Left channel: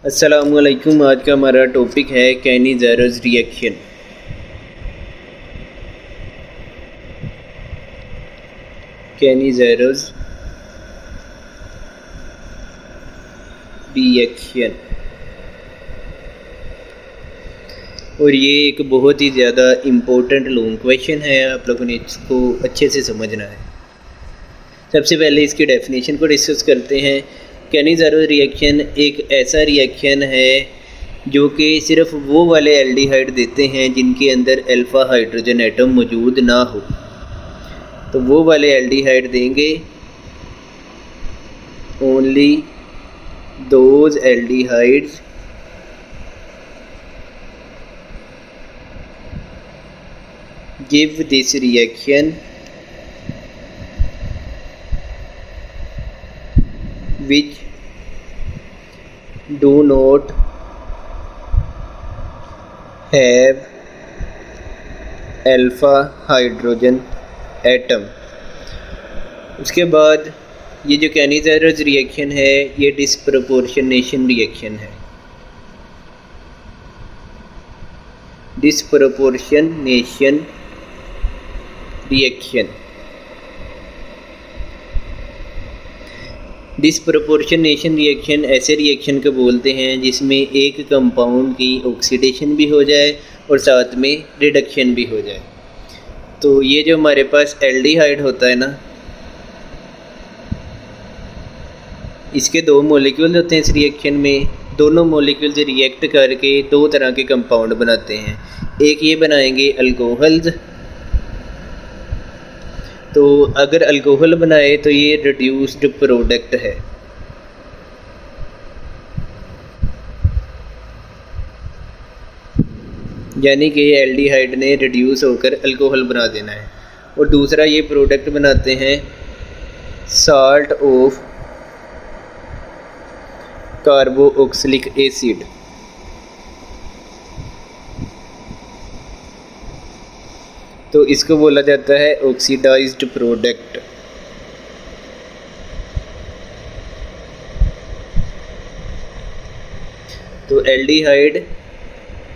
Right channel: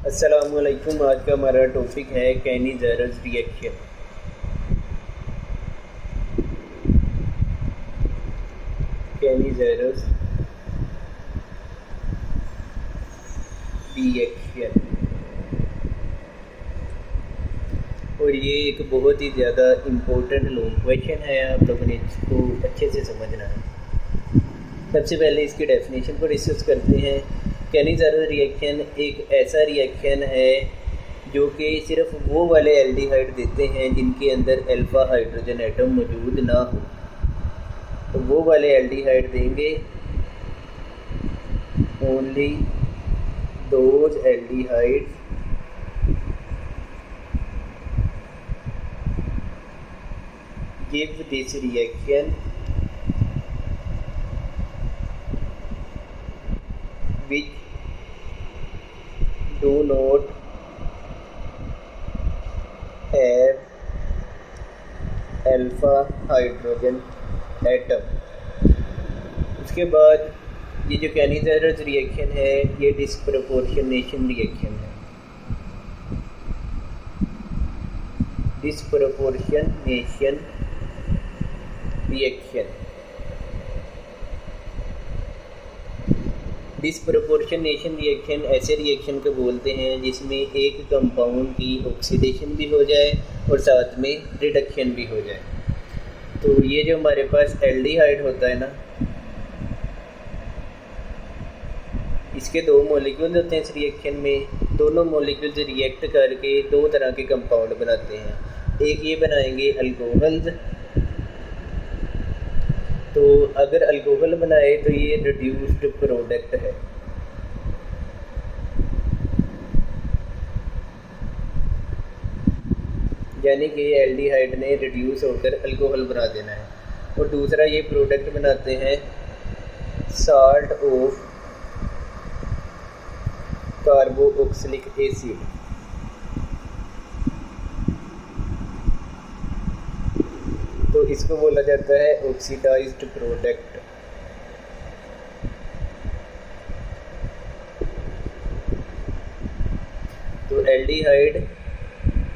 अस्सलामुअलैकुम। आज का हमारा टॉपिक है कैनी-ज़ेरोस रिएक्शन। कैनी-ज़ेरोस रिएक्शन, और ये एक बहुत ही ज़्यादा इम्पोर्टेंट लॉन्ग क्वेश्चन है। आप लोगों ने इसको अच्छे से समझना है। सबसे पहले इसकी डेफिनेशन को डिस्कस करते हैं। कैनी-ज़ेरोस रिएक्शन एक ऐसा रिएक्शन है जो कि सिर्फ वो वाले एल्डिहाइड देते हैं जिनके अंदर अल्फ़ा हाइड्रोजन एटम मौजूद ना हो। तो वो वाले एल्डिहाइड देंगे, only those aldehydes give this reaction which do not have alpha hydrogen atom. उसके बाद ये जो कैनी-ज़ेरोस रिएक्शन है ये डिस्प्रपोर्शनेशन रिएक्शन है। डिस्प्रपोर्शनेशन रिएक्शन, डिस्प्रपोर्शनेशन रिएक्शन ऐसे रिएक्शन को बोलते हैं जिसमें एक कंपाउंड की ऑक्सीडेशन भी हो जाए और साथ में रिडक्शन भी हो जाए। तो ये जो हमारे पास एल्डिहाइड होता है ना, इसके दो मॉलिक्यूल होते हैं इस रिएक्शन में। दोनों मॉलिक्यूल्स रिएक्ट करके दो तरह के कंपाउंड बनाते हैं। एक ये बनाएंगे अल्कोहल्स। तो अगर अल्कोहल बनाए तो ये रिड्यूस्ड प्रोडक्ट है। यानी कि ये एल्डिहाइड ने रिड्यूस होकर अल्कोहल बना देना है। और दूसरा ये प्रोडक्ट बनाते हैं साल्ट ऑफ कार्बोक्सिलिक एसिड। तो इसको बोला जाता है ऑक्सीडाइज्ड प्रोडक्ट। तो एल्डिहाइड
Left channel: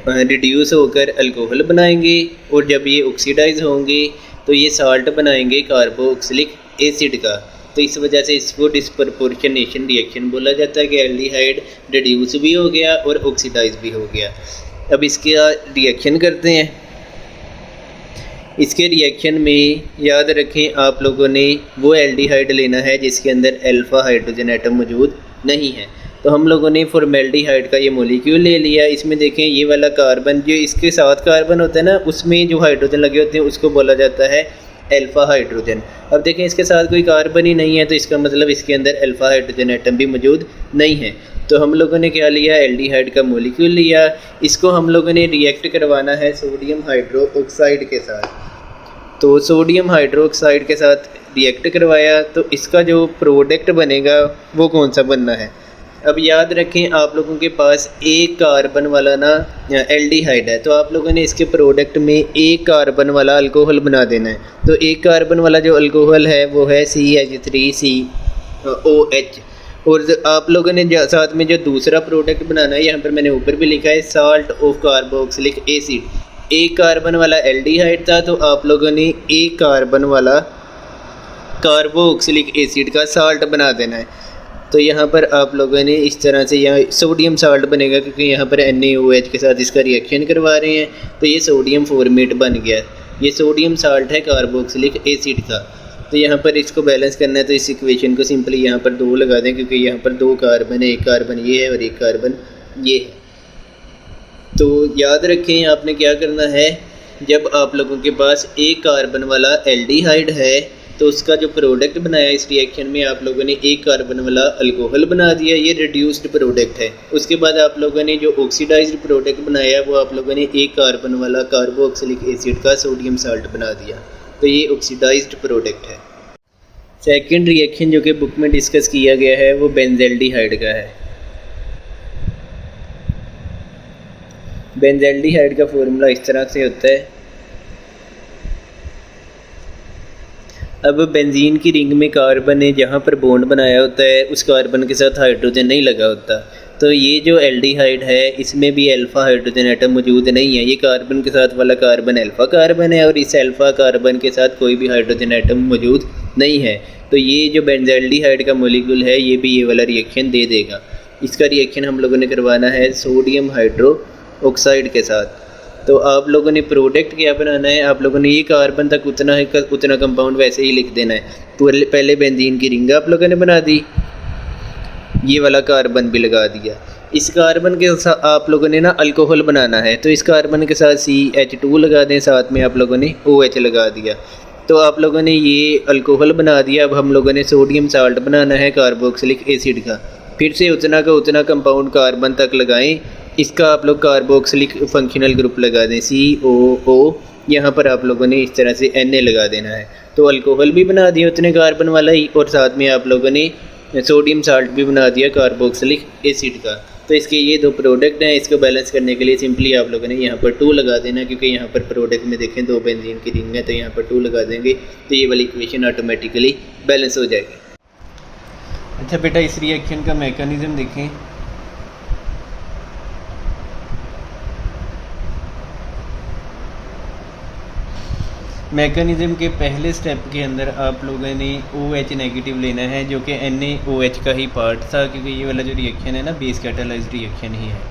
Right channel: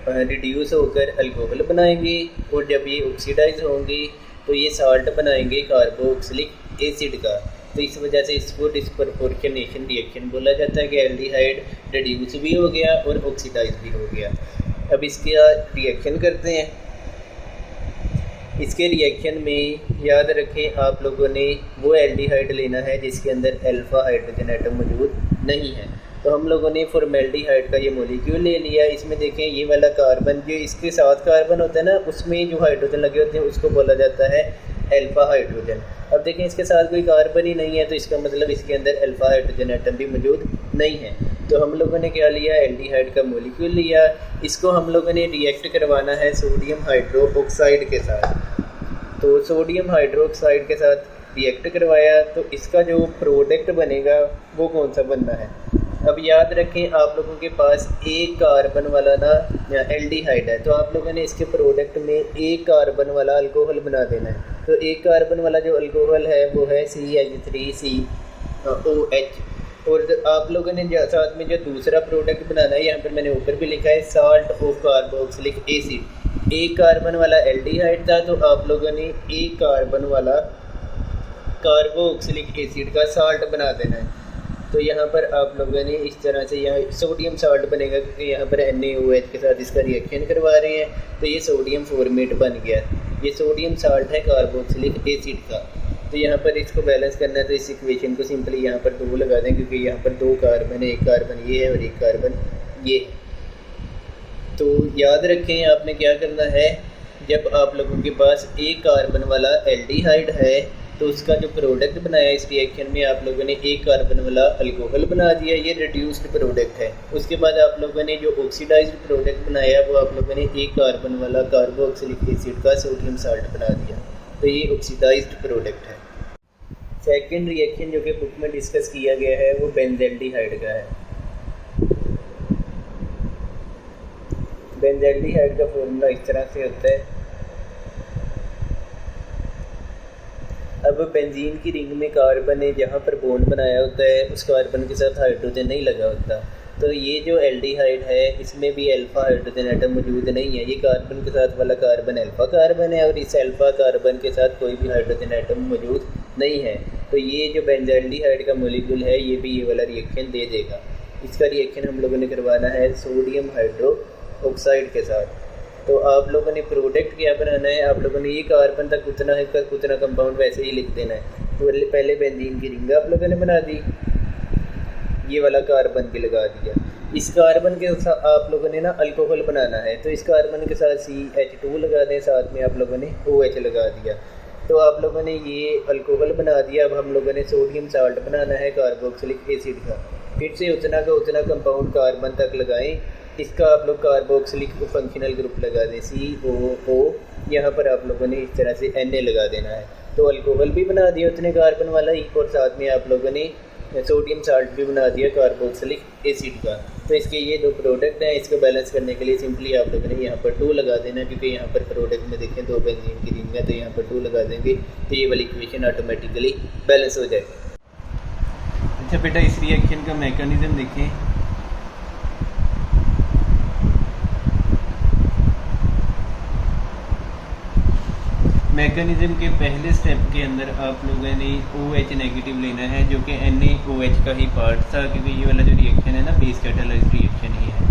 रिड्यूस होकर अल्कोहल बनाएंगे और जब ये ऑक्सीडाइज होंगे तो ये साल्ट बनाएंगे कार्बोक्सिलिक एसिड का। तो इस वजह से इसको डिस्प्रपोर्शनेशन रिएक्शन बोला जाता है कि एल्डिहाइड रिड्यूस भी हो गया और ऑक्सीडाइज भी हो गया। अब इसका रिएक्शन करते हैं। इसके रिएक्शन में याद रखें आप लोगों ने वो एल्डिहाइड लेना है जिसके अंदर अल्फ़ा हाइड्रोजन एटम मौजूद नहीं है। तो हम लोगों ने फॉर्मेल्डिहाइड का ये मॉलिक्यूल ले लिया। इसमें देखें ये वाला कार्बन जो इसके साथ कार्बन होता है ना, उसमें जो हाइड्रोजन लगे होते हैं उसको बोला जाता है अल्फ़ा हाइड्रोजन। अब देखें इसके साथ कोई कार्बन ही नहीं है तो इसका मतलब इसके अंदर अल्फ़ा हाइड्रोजन एटम भी मौजूद नहीं है। तो हम लोगों ने क्या लिया, एल्डिहाइड का मॉलिक्यूल लिया। इसको हम लोगों ने रिएक्ट करवाना है सोडियम हाइड्रोक्साइड के साथ। तो सोडियम हाइड्रोक्साइड के साथ रिएक्ट करवाया तो इसका जो प्रोडक्ट बनेगा वो कौन सा बनना है। अब याद रखें आप लोगों के पास एक कार्बन वाला ना एल्डिहाइड है, तो आप लोगों ने इसके प्रोडक्ट में एक कार्बन वाला अल्कोहल बना देना है। तो एक कार्बन वाला जो अल्कोहल है वो है CH3COH। और आप लोगों ने साथ में जो दूसरा प्रोडक्ट बनाना है, यहाँ पर मैंने ऊपर भी लिखा है साल्ट ऑफ कार्बोक्सिलिक एसिड। एक कार्बन वाला एल्डिहाइड था तो आप लोगों ने एक कार्बन वाला कार्बोक्सिलिक एसिड का साल्ट बना देना है। तो यहाँ पर आप लोगों ने इस तरह से यहाँ सोडियम साल्ट बनेगा क्योंकि यहाँ पर NaOH के साथ इसका रिएक्शन करवा रहे हैं तो ये सोडियम फॉर्मेट बन गया। ये सोडियम साल्ट है कार्बोक्सिलिक एसिड का। तो यहाँ पर इसको बैलेंस करना है तो इस इक्वेशन को सिंपली यहाँ पर 2 लगा दें क्योंकि यहाँ पर 2 कार्बन है, एक कार्बन ये है और एक कार्बन ये है। तो याद रखें आपने क्या करना है, जब आप लोगों के पास एक कार्बन वाला एल्डिहाइड है तो उसका जो प्रोडक्ट बनाया इस रिएक्शन में आप लोगों ने एक कार्बन वाला अल्कोहल बना दिया, ये रिड्यूस्ड प्रोडक्ट है। उसके बाद आप लोगों ने जो ऑक्सीडाइज्ड प्रोडक्ट बनाया वो आप लोगों ने एक कार्बन वाला कार्बोक्सिलिक एसिड का सोडियम साल्ट बना दिया, तो ये ऑक्सीडाइज्ड प्रोडक्ट है। सेकेंड रिएक्शन जो कि बुक में डिस्कस किया गया है वो बेंज़ल्डिहाइड का है। बेंज़ल्डिहाइड का फॉर्मूला इस तरह से होता है। अब बेंजीन की रिंग में कार्बन ने जहाँ पर बॉन्ड बनाया होता है उस कार्बन के साथ हाइड्रोजन नहीं लगा होता, तो ये जो एल्डिहाइड है इसमें भी अल्फ़ा हाइड्रोजन एटम मौजूद नहीं है। ये कार्बन के साथ वाला कार्बन अल्फ़ा कार्बन है और इस अल्फ़ा कार्बन के साथ कोई भी हाइड्रोजन एटम मौजूद नहीं है। तो ये जो बेंज़ल्डिहाइड का मॉलिक्यूल है ये भी ये वाला रिएक्शन दे देगा। इसका रिएक्शन हम लोगों ने करवाना है सोडियम हाइड्रो ऑक्साइड के साथ। तो आप लोगों ने प्रोडक्ट क्या बनाना है, आप लोगों ने ये कार्बन तक उतना कंपाउंड वैसे ही लिख देना है। पहले बेंजीन की रिंग आप लोगों ने बना दी, ये वाला कार्बन भी लगा दिया। इस कार्बन के साथ आप लोगों ने ना अल्कोहल बनाना है, तो इस कार्बन के साथ CH2 लगा दें, साथ में आप लोगों ने OH लगा दिया। तो आप लोगों ने ये अल्कोहल बना दिया। अब हम लोगों ने सोडियम साल्ट बनाना है कार्बोक्सिलिक एसिड का। फिर से उतना का उतना कंपाउंड कार्बन तक लगाएं। इसका आप लोग कार्बोक्सिलिक फंक्शनल ग्रुप लगा दें COO। यहाँ पर आप लोगों ने इस तरह से Na लगा देना है। तो अल्कोहल भी बना दिया उतने कार्बन वाला ही, और साथ में आप लोगों ने सोडियम साल्ट भी बना दिया कार्बोक्सिलिक एसिड का। तो इसके ये दो प्रोडक्ट हैं। इसको बैलेंस करने के लिए सिंपली आप लोगों ने यहाँ पर 2 लगा देना, क्योंकि यहाँ पर प्रोडक्ट में देखें 2 बेंजीन की रिंग है, तो यहाँ पर 2 लगा देंगे तो ये वाली इक्वेशन ऑटोमेटिकली बैलेंस हो जाएगी। अच्छा बेटा, इस रिएक्शन का मैकेनिज्म देखें। मैकेनिज्म के पहले स्टेप के अंदर आप लोगों ने OH नेगेटिव लेना है, जो कि NaOH का ही पार्ट था, क्योंकि ये वाला जो रिएक्शन है ना बेस कैटालाइज्ड रिएक्शन ही है।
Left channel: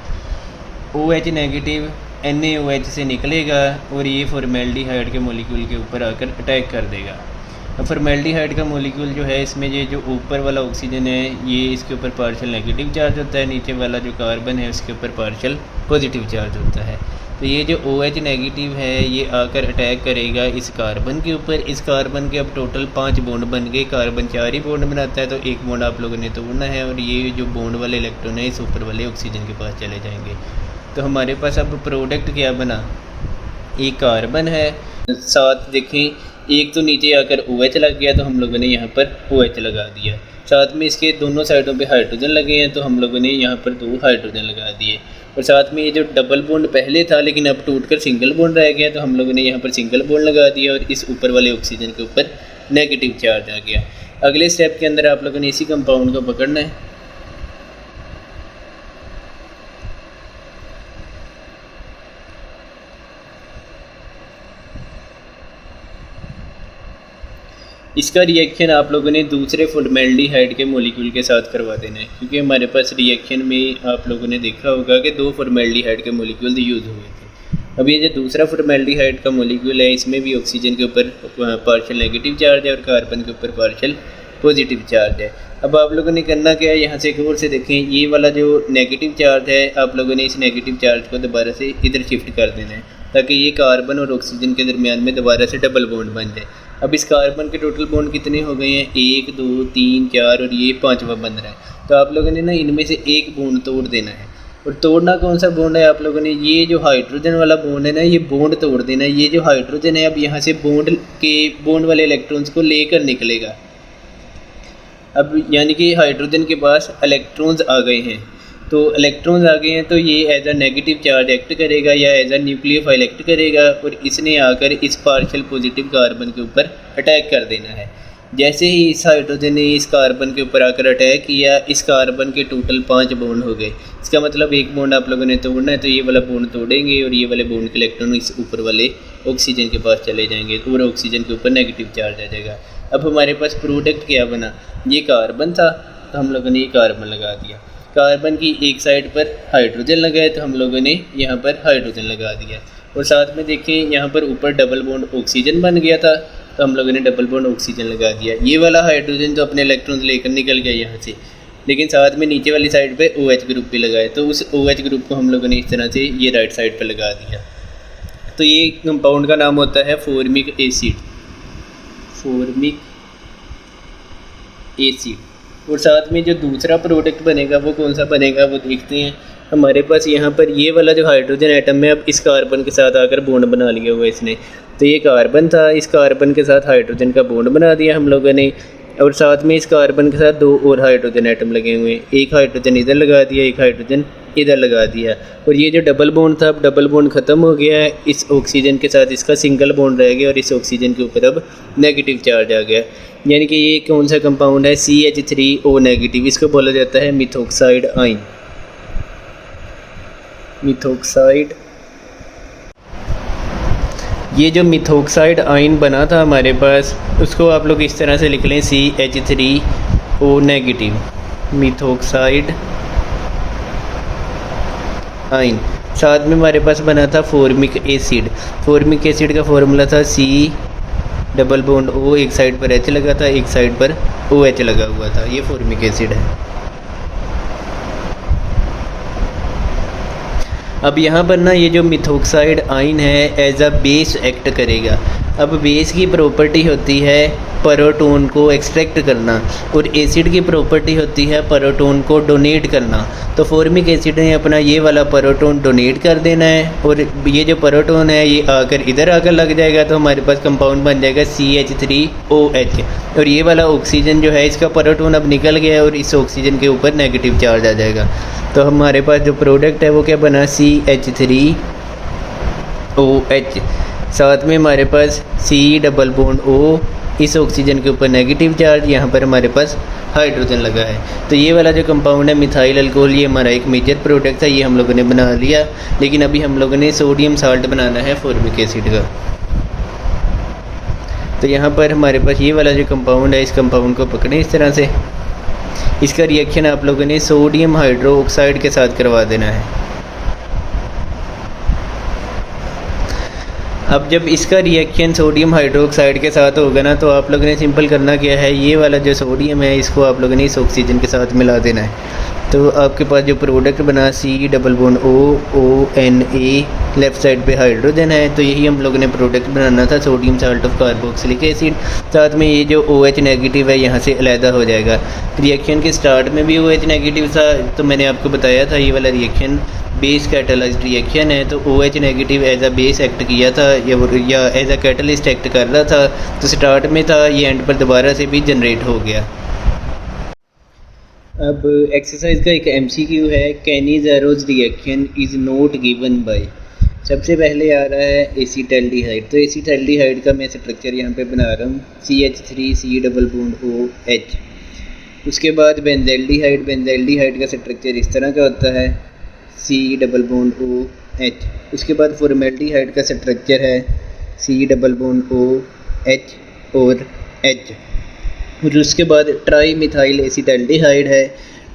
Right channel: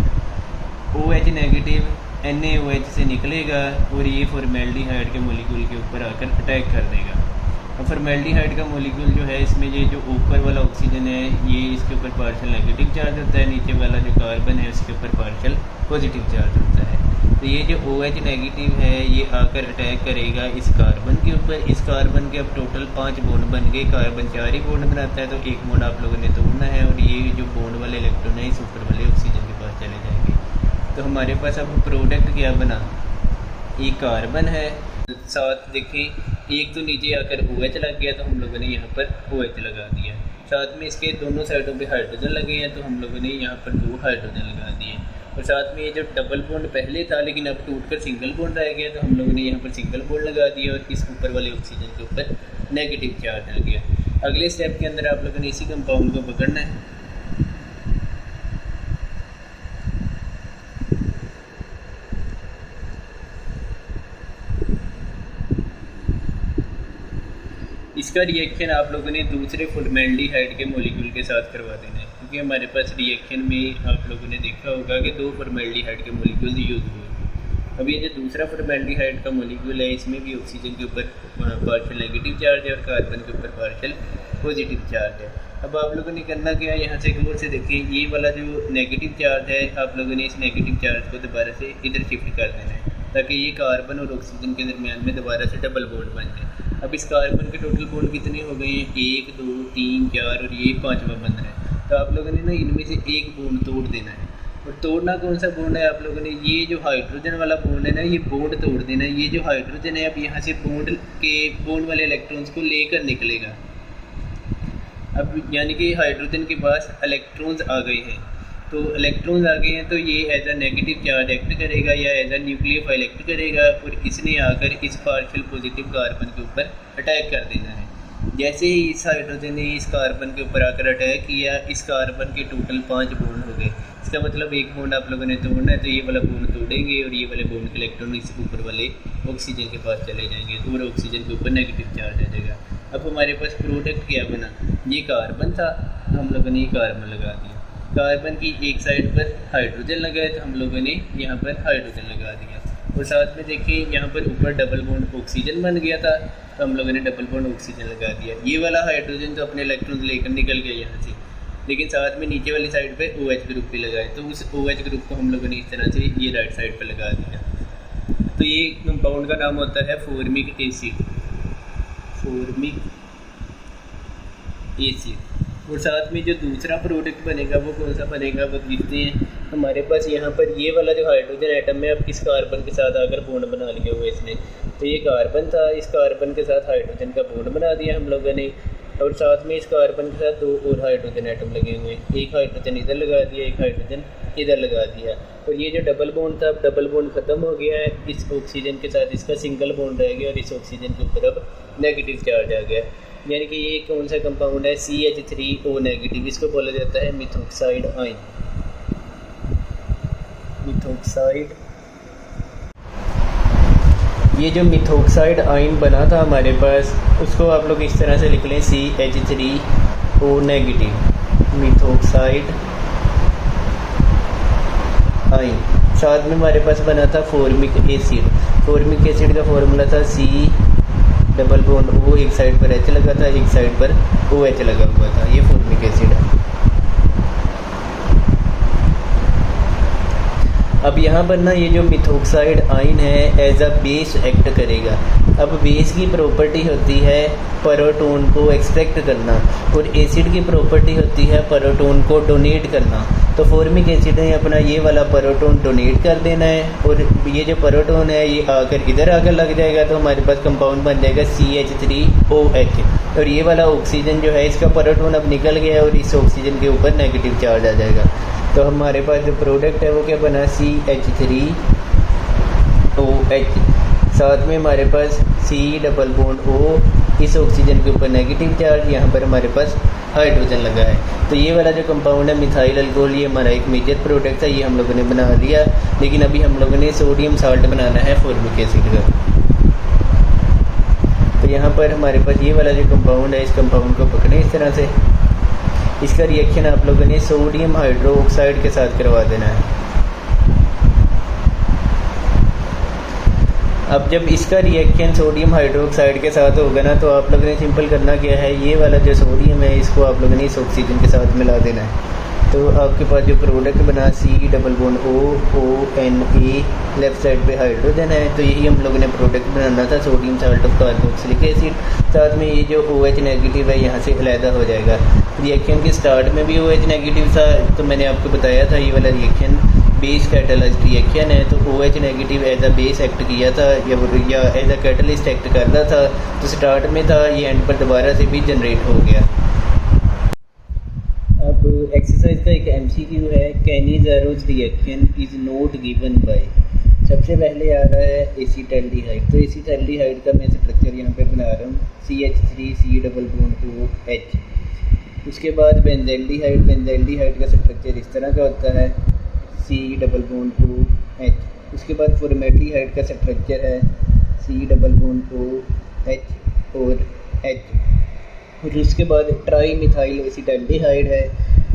OH नेगेटिव NaOH से निकलेगा और ये फॉर्मेल्डिहाइड के मॉलिक्यूल के ऊपर आकर अटैक कर देगा। अब फॉर्मेल्डिहाइड का मॉलिक्यूल जो है, इसमें ये जो ऊपर वाला ऑक्सीजन है ये इसके ऊपर पार्शियल नेगेटिव चार्ज होता है, नीचे वाला जो कार्बन है उसके ऊपर पार्शियल पॉजिटिव चार्ज होता है। तो ये जो OH नेगेटिव है ये आकर अटैक करेगा इस कार्बन के ऊपर। इस कार्बन के अब टोटल 5 बॉन्ड बन गए। कार्बन 4 ही बॉन्ड बनाता है, तो 1 बॉन्ड आप लोगों ने तोड़ना है और ये जो बॉन्ड वाले इलेक्ट्रॉन है इस ऊपर वाले ऑक्सीजन के पास चले जाएंगे। तो हमारे पास अब प्रोडक्ट क्या बना, एक कार्बन है, साथ देखें एक तो नीचे आकर OH लग गया, तो हम लोगों ने यहाँ पर OH लगा दिया। साथ में इसके दोनों साइडों पे हाइड्रोजन लगे हैं, तो हम लोगों ने यहाँ पर 2 हाइड्रोजन लगा दिए। और साथ में ये जो डबल बॉन्ड पहले था लेकिन अब टूटकर सिंगल बॉन्ड रह गया, तो हम लोगों ने यहाँ पर सिंगल बॉन्ड लगा दिया और इस ऊपर वाले ऑक्सीजन के ऊपर नेगेटिव चार्ज आ गया। अगले स्टेप के अंदर आप लोगों ने इसी कंपाउंड को पकड़ना है। इसका रिएक्शन आप लोगों ने दूसरे फॉर्मेल्डिहाइड के मॉलिक्यूल के साथ करवा देना है, क्योंकि हमारे पास रिएक्शन में आप लोगों ने देखा होगा कि 2 फॉर्मेल्डिहाइड के मॉलिक्यूल यूज़ हुए थे। अब ये जो दूसरा फॉर्मेल्डिहाइड का मॉलिक्यूल है इसमें भी ऑक्सीजन के ऊपर पार्शियल नेगेटिव चार्ज है और कार्बन के ऊपर पार्शियल पॉजिटिव चार्ज है। अब आप लोगों ने करना क्या है, यहाँ से गौर से देखें, ये वाला जो नेगेटिव चार्ज है आप लोगों ने इस नेगेटिव चार्ज को दोबारा से इधर शिफ्ट कर देना है, ताकि ये कार्बन और ऑक्सीजन के दरमियान में दोबारा से डबल बॉन्ड बन जाए। अब इस कार्बन के टोटल बॉन्ड कितने हो गए हैं, 1 2 3 4 और ये 5वां बन रहा है। तो आप लोगों ने ना इनमें से एक बॉन्ड तोड़ देना है। और तोड़ना कौन सा बॉन्ड है, आप लोगों ने ये जो हाइड्रोजन वाला बॉन्ड है ना ये बॉन्ड तोड़ देना है। ये जो हाइड्रोजन है अब यहाँ से बॉन्ड वाले इलेक्ट्रॉन्स को लेकर निकलेगा। अब यानी कि हाइड्रोजन के पास इलेक्ट्रॉन्स आ गए हैं, तो इलेक्ट्रॉन्स आ गए हैं तो ये as a negative charge act करेगा या एज अ न्यूक्लियोफाइल एक्ट करेगा और इसने आकर इस पार्शियल पॉजिटिव कार्बन के ऊपर अटैक कर देना है। जैसे ही इस हाइड्रोजन ने इस कार्बन के ऊपर आकर अटैक किया, इस कार्बन के टोटल 5 बॉन्ड हो गए। इसका मतलब एक बॉन्ड आप लोगों ने तोड़ना है, तो ये वाला बॉन्ड तोड़ेंगे और ये वाले बॉन्ड के इलेक्ट्रॉन इस ऊपर वाले ऑक्सीजन के पास चले जाएंगे और ऑक्सीजन के ऊपर नेगेटिव चार्ज आ जाएगा। अब हमारे पास प्रोडक्ट क्या बना, ये कार्बन था तो हम लोगों ने ये कार्बन लगा दिया। कार्बन की एक साइड पर हाइड्रोजन लगाए तो हम लोगों ने यहाँ पर हाइड्रोजन लगा दिया। और साथ में देखें यहाँ पर ऊपर डबल बॉन्ड ऑक्सीजन बन गया था, तो हम लोगों ने डबल बॉन्ड ऑक्सीजन लगा दिया। ये वाला हाइड्रोजन जो अपने इलेक्ट्रॉन्स लेकर निकल गया यहाँ से, लेकिन साथ में नीचे वाली साइड पे OH ग्रुप भी लगाए, तो उस OH ग्रुप को हम लोगों ने इस तरह से ये राइट साइड पर लगा दिया। तो ये कंपाउंड का नाम होता है फॉर्मिक एसिड, फॉर्मिक एसिड। और साथ में जो दूसरा प्रोडक्ट बनेगा वो कौन सा बनेगा वो देखते हैं। हमारे पास यहाँ पर ये वाला जो हाइड्रोजन एटम है अब इस कार्बन के साथ आकर बॉन्ड बना लिया हुआ इसने। तो ये कार्बन था, इस कार्बन के साथ हाइड्रोजन का बॉन्ड बना दिया हम लोगों ने। और साथ में इस कार्बन के साथ 2 और हाइड्रोजन एटम लगे हुए हैं, एक हाइड्रोजन इधर लगा दिया, एक हाइड्रोजन इधर लगा दिया। और ये जो डबल बॉन्ड था अब डबल बॉन्ड ख़त्म हो गया है, इस ऑक्सीजन के साथ इसका सिंगल बॉन्ड रह गया और इस ऑक्सीजन के ऊपर अब नेगेटिव चार्ज आ गया। यानी कि ये कौन सा कंपाउंड है, CH3O नेगेटिव, इसको बोला जाता है मिथॉक्साइड आयन। मिथॉक्साइड। ये जो मिथॉक्साइड आयन बना था हमारे पास, उसको आप लोग इस तरह से लिख लें CH3O नेगेटिव मिथॉक्साइड आयन। साथ में हमारे पास बना था फॉर्मिक एसिड। फॉर्मिक एसिड का फॉर्मूला था C डबल बॉन्ड O, एक साइड पर H लगा था, एक साइड पर OH लगा हुआ था। ये फॉर्मिक एसिड है। अब यहाँ पर ना ये जो मिथॉक्साइड आयन है एज अ बेस एक्ट करेगा। अब बेस की प्रॉपर्टी होती है प्रोटॉन को एक्सट्रैक्ट करना, और एसिड की प्रॉपर्टी होती है प्रोटॉन को डोनेट करना। तो फॉर्मिक एसिड ने अपना ये वाला प्रोटॉन डोनेट कर देना है, और ये जो प्रोटॉन है ये आकर इधर आकर लग जाएगा, तो हमारे पास कंपाउंड बन जाएगा CH3OH। और ये वाला ऑक्सीजन जो है इसका प्रोटॉन अब निकल गया है और इस ऑक्सीजन के ऊपर नेगेटिव चार्ज आ जाएगा। तो हमारे पास जो प्रोडक्ट है वो क्या बना, CH3OH। साथ में हमारे पास C डबल बॉन्ड O, इस ऑक्सीजन के ऊपर नेगेटिव चार्ज, यहाँ पर हमारे पास हाइड्रोजन लगा है। तो ये वाला जो कंपाउंड है मिथाइल अल्कोहल, ये हमारा एक मेजर प्रोडक्ट था, ये हम लोगों ने बना लिया। लेकिन अभी हम लोगों ने सोडियम साल्ट बनाना है फॉर्मिक एसिड का। तो यहाँ पर हमारे पास ये वाला जो कंपाउंड है, इस कंपाउंड को पकड़ें इस तरह से। इसका रिएक्शन आप लोगों ने सोडियम हाइड्रोक्साइड के साथ करवा देना है। अब जब इसका रिएक्शन सोडियम हाइड्रोक्साइड के साथ होगा ना, तो आप लोगों ने सिंपल करना क्या है, ये वाला जो सोडियम है इसको आप लोगों ने इस ऑक्सीजन के साथ मिला देना है। तो आपके पास जो प्रोडक्ट बना C double bond ONA, left side पे हाइड्रोजन है। तो यही हम लोगों ने प्रोडक्ट बनाना था, sodium salt of carboxylic acid. साथ में ये जो OH नेगेटिव है यहाँ से अलहदा हो जाएगा। रिएक्शन के स्टार्ट में भी OH नेगेटिव था, तो मैंने आपको बताया था ये वाला रिएक्शन बेस कैटलाइज्ड रिएक्शन है। तो OH negative as a base act किया था या एज अ कैटलिस्ट एक्ट कर रहा था। तो स्टार्ट में था, ये एंड पर दोबारा से भी जनरेट हो गया। अब एक्सरसाइज का एक MCQ है, Cannizzaro reaction is not given by. सबसे पहले आ रहा है एसीटल्डिहाइड। तो एसीटल्डिहाइड का मैं स्ट्रक्चर यहाँ पे बना रहा हूँ, CH3C डबल बॉन्ड OH। उसके बाद बेंज़ल्डिहाइड। बेंज़ल्डिहाइड का स्ट्रक्चर इस तरह का होता है, C डबल बॉन्ड OH। उसके बाद फॉर्मेल्डिहाइड का स्ट्रक्चर है C डबल बॉन्ड OH और H। और उसके बाद ट्राई मिथाइल एसिटल्डिहाइड है।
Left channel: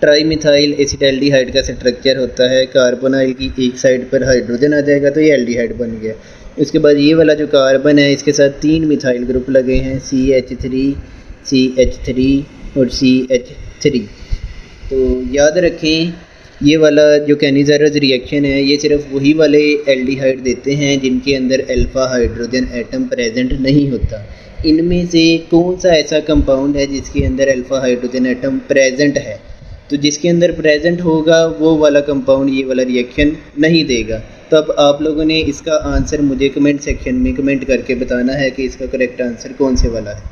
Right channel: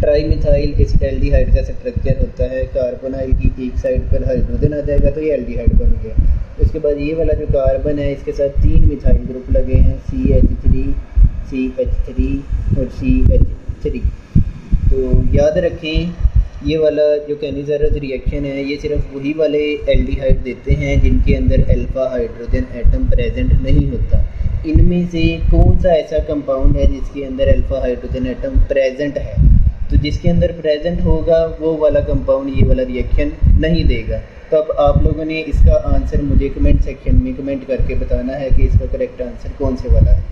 ट्राई मिथाइल एसिटल्डिहाइड का स्ट्रक्चर होता है, कार्बोनाइल की एक साइड पर हाइड्रोजन आ जाएगा, तो ये एल्डिहाइड बन गया। उसके बाद ये वाला जो कार्बन है इसके साथ 3 मिथाइल ग्रुप लगे हैं, CH3, CH3 और CH3। तो याद रखें ये वाला जो कैनिज़ेरोस रिएक्शन है ये सिर्फ वही वाले एल्डिहाइड देते हैं जिनके अंदर अल्फ़ा हाइड्रोजन एटम प्रेजेंट नहीं होता। इनमें से कौन सा ऐसा कंपाउंड है जिसके अंदर अल्फ़ा हाइड्रोजन एटम प्रेजेंट है? तो जिसके अंदर प्रेजेंट होगा वो वाला कंपाउंड ये वाला रिएक्शन नहीं देगा। तो अब आप लोगों ने इसका आंसर मुझे कमेंट सेक्शन में कमेंट करके बताना है कि इसका करेक्ट आंसर कौन से वाला है।